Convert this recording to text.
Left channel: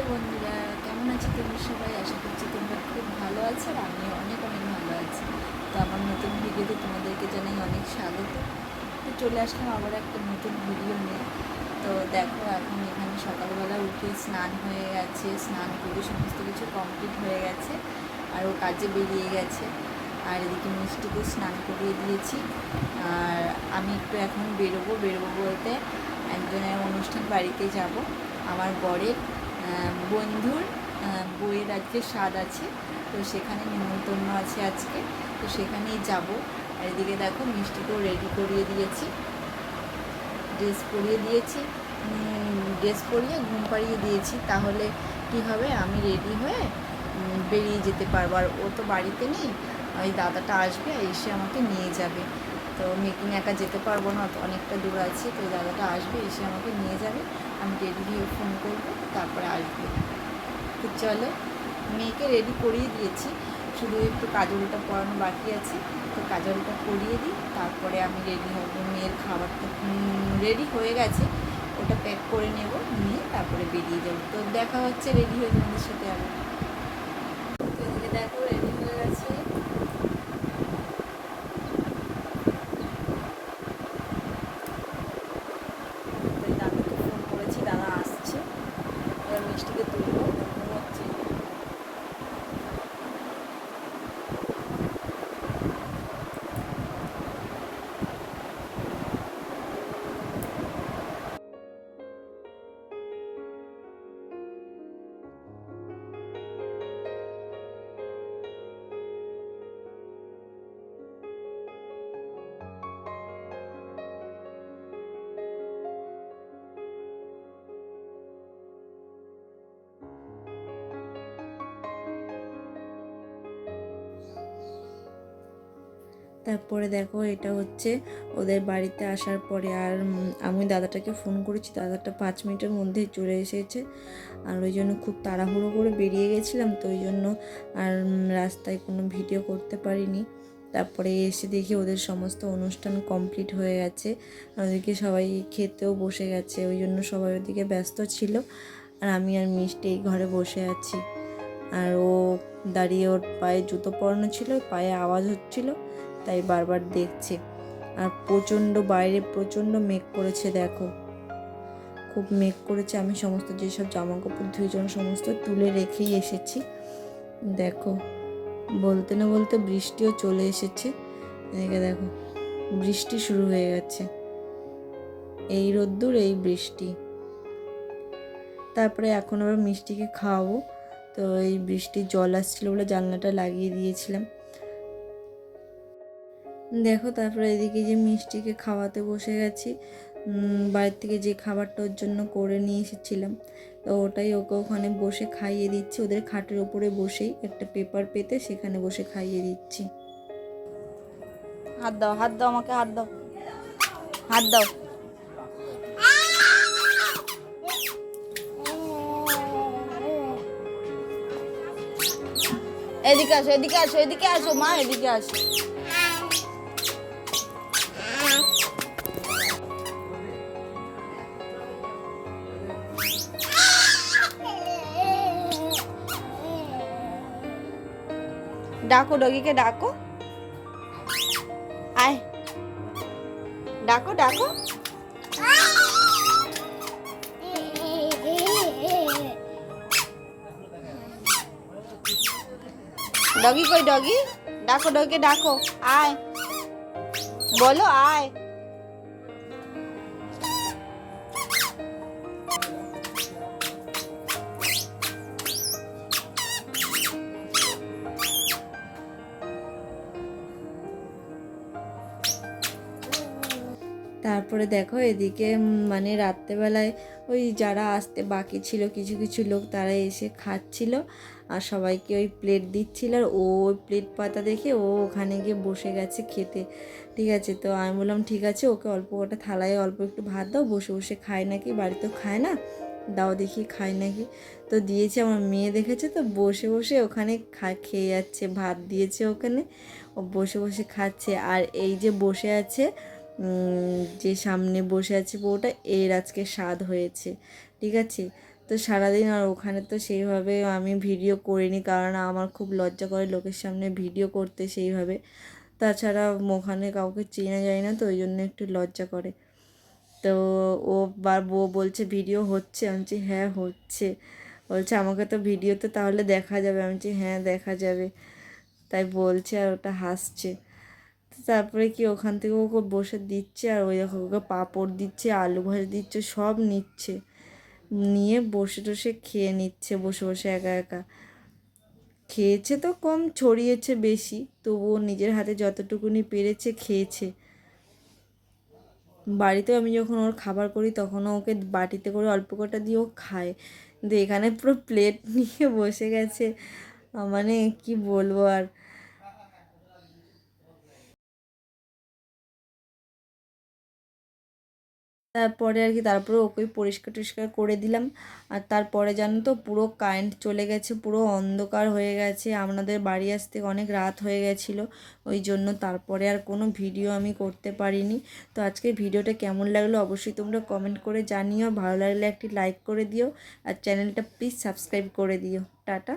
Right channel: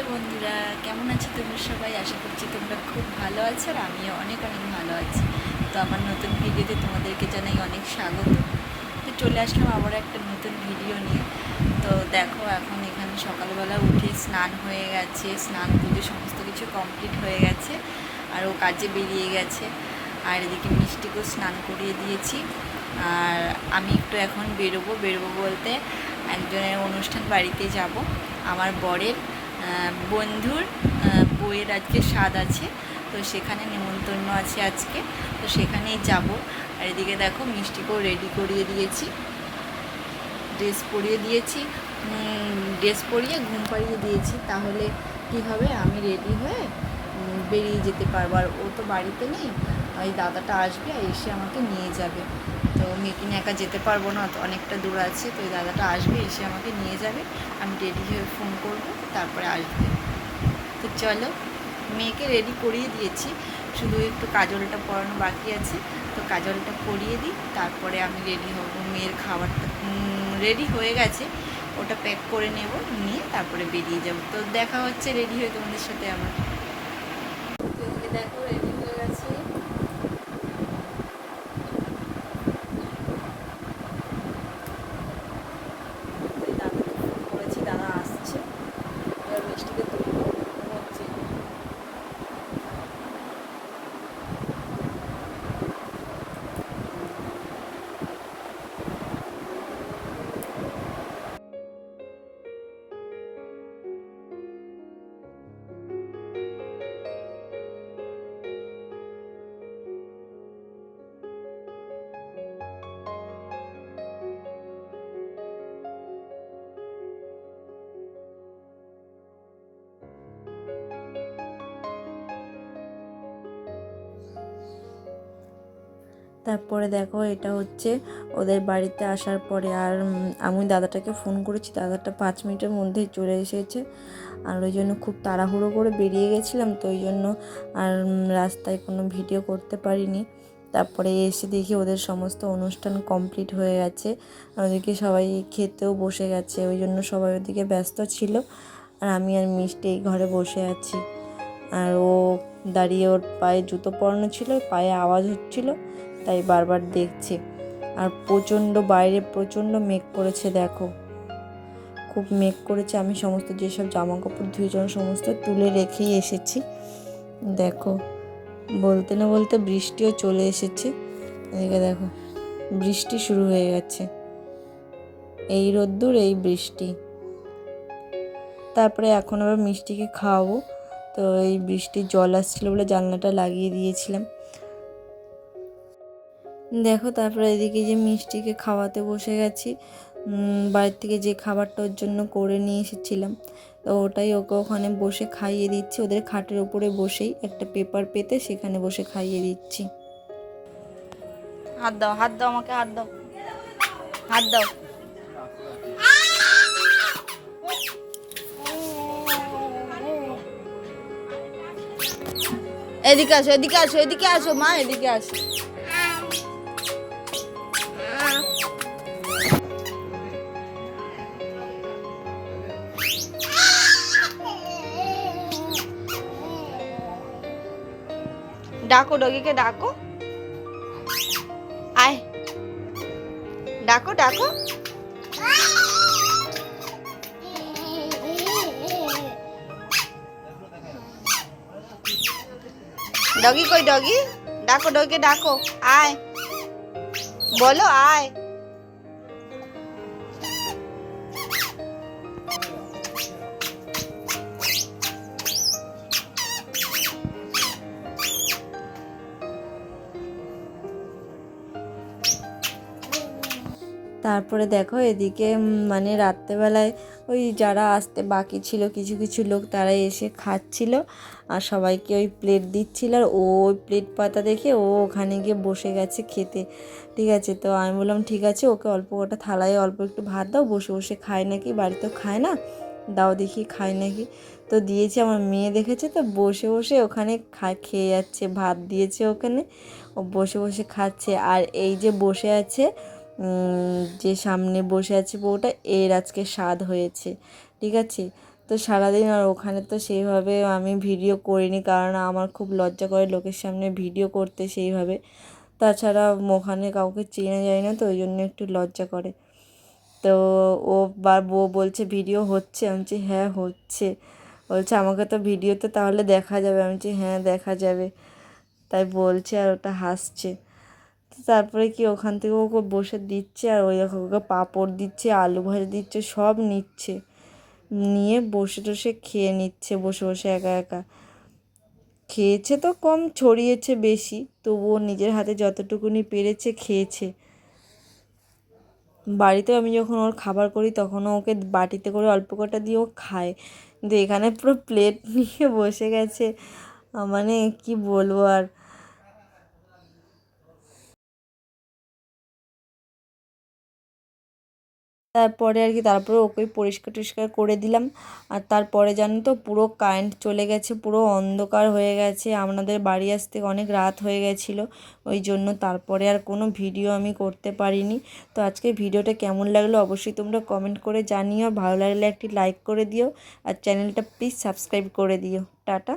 বন্ধুরা, কেমন আছো তোমরা সবাই? আশা করছি তোমরা খুব ভালো আছো আর আমিও অনেক অনেক ভালো আছি। তো আমার নতুন ভিডিওতে তোমাদেরকে জানাই অনেক স্বাগত। তো চলে আসলাম আবার একটা নতুন ভিডিও নিয়ে। তো দেখো, এখন এখানে সকালবেলা উঠে স্নান হয়ে গেছে, স্নান পুজো সমস্ত কিছু কমপ্লিট হয়ে গেছে আর ও কাজে বেরিয়ে গেছে। আর এদিকে মিষ্টিকেও স্নান করিয়ে দিয়েছি। আর আমি একটু এখন বেরোবো। বেরোবো বলতে একজনের অনুষ্ঠান বাড়িতে যাব, আমার বরের। বন্ধুর বইয়ের আজকে স্বাদ আছে, তো সেখানে নেমন্তন্ন আছে আজকে, তো সেখানেই যাব। আর এদিকে দেখো, মিষ্টিকেও রেডি করিয়ে দিয়েছি। ড্রেস পরিয়ে দিয়েছি। ড্রেস পরিয়ে ঘুম পাড়িয়ে দিয়েছি। তাহলে কি হবে? আমি রেডি হয়ে বেরিয়ে যেতে পারব। আর ও তো বাড়িতে নেই ওই দাদাটা আসবে এসে আমাকে নিয়ে যাবে। তো মেয়েকে নিয়ে একা যেতে পারব না অনেকটা দূর আছে, তো ওই দাদাটা আসবে, এসে আমাকে নিয়ে যাবে। আমি রেডি হয়ে ফোন করব, তারপরে আসবে। তো চলো, মেয়েকে রেডি করিয়ে দিয়েছি। শুধু একটু কাজলটা পরানো বাকি আছে, তো কাজলটা পরিয়ে দিই, তারপরে আমি রেডি হব। মেয়ের খাবারটা রেডি হয়ে গেছে, ওটা প্যাক করে নেব, নিয়ে তারপরে বেরিয়ে যাব। তো দেখা হচ্ছে রেডি হয়ে তোমাদের সাথে আবার। দেখো রেডি estuve তারপরে দেখো এটা হচ্ছে ওদের বাড়িতে আসার পরে আর আমি দাদাটাকে ফোন করেছি। দাদাটা পাঁচ মিনিটের মধ্যেই চলে এসেছে। আর ওই জন্য খুব তাড়াহুড়ো করে বেরিয়ে গেছিলাম, তো ওই জন্য আর রাস্তায় কোনো ভিডিও করতে পারিনি। তারপরে এসে দেখি ওদের সমস্ত অনুষ্ঠান কমপ্লিট হয়ে গেছে। আর ওদিকে সবাই খেতেও বসে গেছে, ওই জন্য সবাই ওদিকে ব্যস্ত ছিল। আর আমি আর মিষ্টি এই ঘরে বসে আছি। আর ও দাঁড়িয়ে ওর পায়ে জুতো পরানো ছিল, পায়ে আওয়াজ হচ্ছিল। তাই বারবার দেখছে। আর প্রচণ্ড বাইরে প্রচণ্ড মেঘ করেছে, দেখো। খুব মেঘ করেছে, আমি সমস্ত যেসব জামা কাপড় ধুয়েছিলাম সমস্ত তুলে রেখেই এসেছি। দেখো, বলতে না বলতে বৃষ্টিও চলে এসেছে। এদিকে দেখো, বৃষ্টি শুরু হয়ে গেছে। এই রোদ্দুর, এই বৃষ্টি। তারপরে এখন আবার মিষ্টিকে খাওয়াবো। তো এই বৃষ্টির জল আসছিল বলে জানলাটা লাগিয়ে দিয়েছিলাম। দেখো, তারপরে এদিকে যে মিষ্টিকে খাওয়াতে বসে গেছি। বাড়ির থেকে যে খাবারটা ওর জন্য করে নিয়ে এসেছিলাম। তো ওটাই ওকে ওখানে বসে খাইয়ে দিচ্ছি। ওদের খাটের ওপরে বসেই একটা পেপার পেতে সেখানে বসে খাইয়ে দিচ্ছি। হাত দাও হাত দাও আমাকে, হাত দাও। হাত দাও। এদিকে আসো এদিকে আসো এদিকে আসো, মা, এদিকে আসো। ডাকো, ডগিকে ডাকো। আয়। ডাকো ডাকো। ডগি কই, ডগি? ডাকো, ডগিকে ডাকো। আয়। বলো, আয়। তারপরে দেখো এদিকে মানে রাত্রেবেলায় ওই যারা আসতে বাকি ছিল, কিছু কিছু লোক তারা এসে খাচ্ছিল আর সবাইকে ওই প্লেট দিচ্ছিল আর ও ওই প্লেট পাতা দেখে ও ওখানে গিয়ে বসে গেছে খেতে। ঠিক আছে, তো আমি বললাম, ঠিক আছে, ওকে অল্প কটা থালায় অল্প একটু ভাত দাও, বসে বসে খায় নাকি, বাড়িতেও খায় না? দাও দেখি, খায় নাকি? তো দিয়েছে আমার মেয়ে দেখেছে তো, বসে বসে ওখানে খা, খেয়ে যাচ্ছে, ভাত দিয়েছে ওখানে। ও বসে বসে খাচ্ছে আর এই যে বসে আছে যে সামনে বসে আছে বউটা, এর আজকে স্বাদ হয়েছে, ঠিক আছে? তো সারাদিন আর ওখানে তো সেইভাবে আমি ভিডিও করিনি, কারণ আমার খুব লজ্জা করে লোকের সামনে ভিডিও করতে সেইভাবে। তাছাড়া ওখানে কাউকে চেনা যায় না, তো ওই জন্য একটু লজ্জা করে। তো ও বা, বউ বলছে, ভিডিও হচ্ছে? আমি বলছি হ্যাঁ হচ্ছে। বলছে, আমাকে তো ভিডিওতে তাহলে দেখা যাবে। আমি বলছি হ্যাঁ দেখা যাবে। তাই বলছে আর ওটা হাসছে। তারপরে কি ওখান থেকে ওকে বসে দিচ্ছে আর ওই দেখো ওকে পাঁপড় দিচ্ছে, আলু ভাজা দিচ্ছে, সব নিচ্ছে। নিয়ে বসে টসে খেয়ে নিচ্ছে, বসে বসে একা একা। খেয়েছে তো কম, ছড়িয়েছে বেশি, তবুও নিজের হাতে যতটুকুনি পেরেছে খেয়েছে। বাড়িতে আমি যখন ওর খাবার করি তখনও ওকে বাটিতে করে অল্প কটা দিয়ে ও খায়। কিন্তু এখানে পুরো প্লেট নিয়ে বসে গেছে। মানে কি বলব আর? তারপরে আর কি তারপরে ওকে পরিষ্কার টরিষ্কার করে দিলাম। আর তারপরে জানো তো পুরো কারেন্ট চলে গেছে, পুরো অন্ধকার হয়ে গেছে। আপনাদের বাড়ি আসতে অনেক রাত হয়ে গেছিল, ওই জন্য তারপরে আর কোনো ভিডিও আমি করতে পারিনি। তো আজকে ভিডিওটা কেমন লাগল অবশ্যই তোমরা কমেন্ট করে জানিও। ভালো লাগলে একটি লাইক করে দিও। আর চ্যানেলটা প্লিজ সাবস্ক্রাইব করে দিও। টাটা।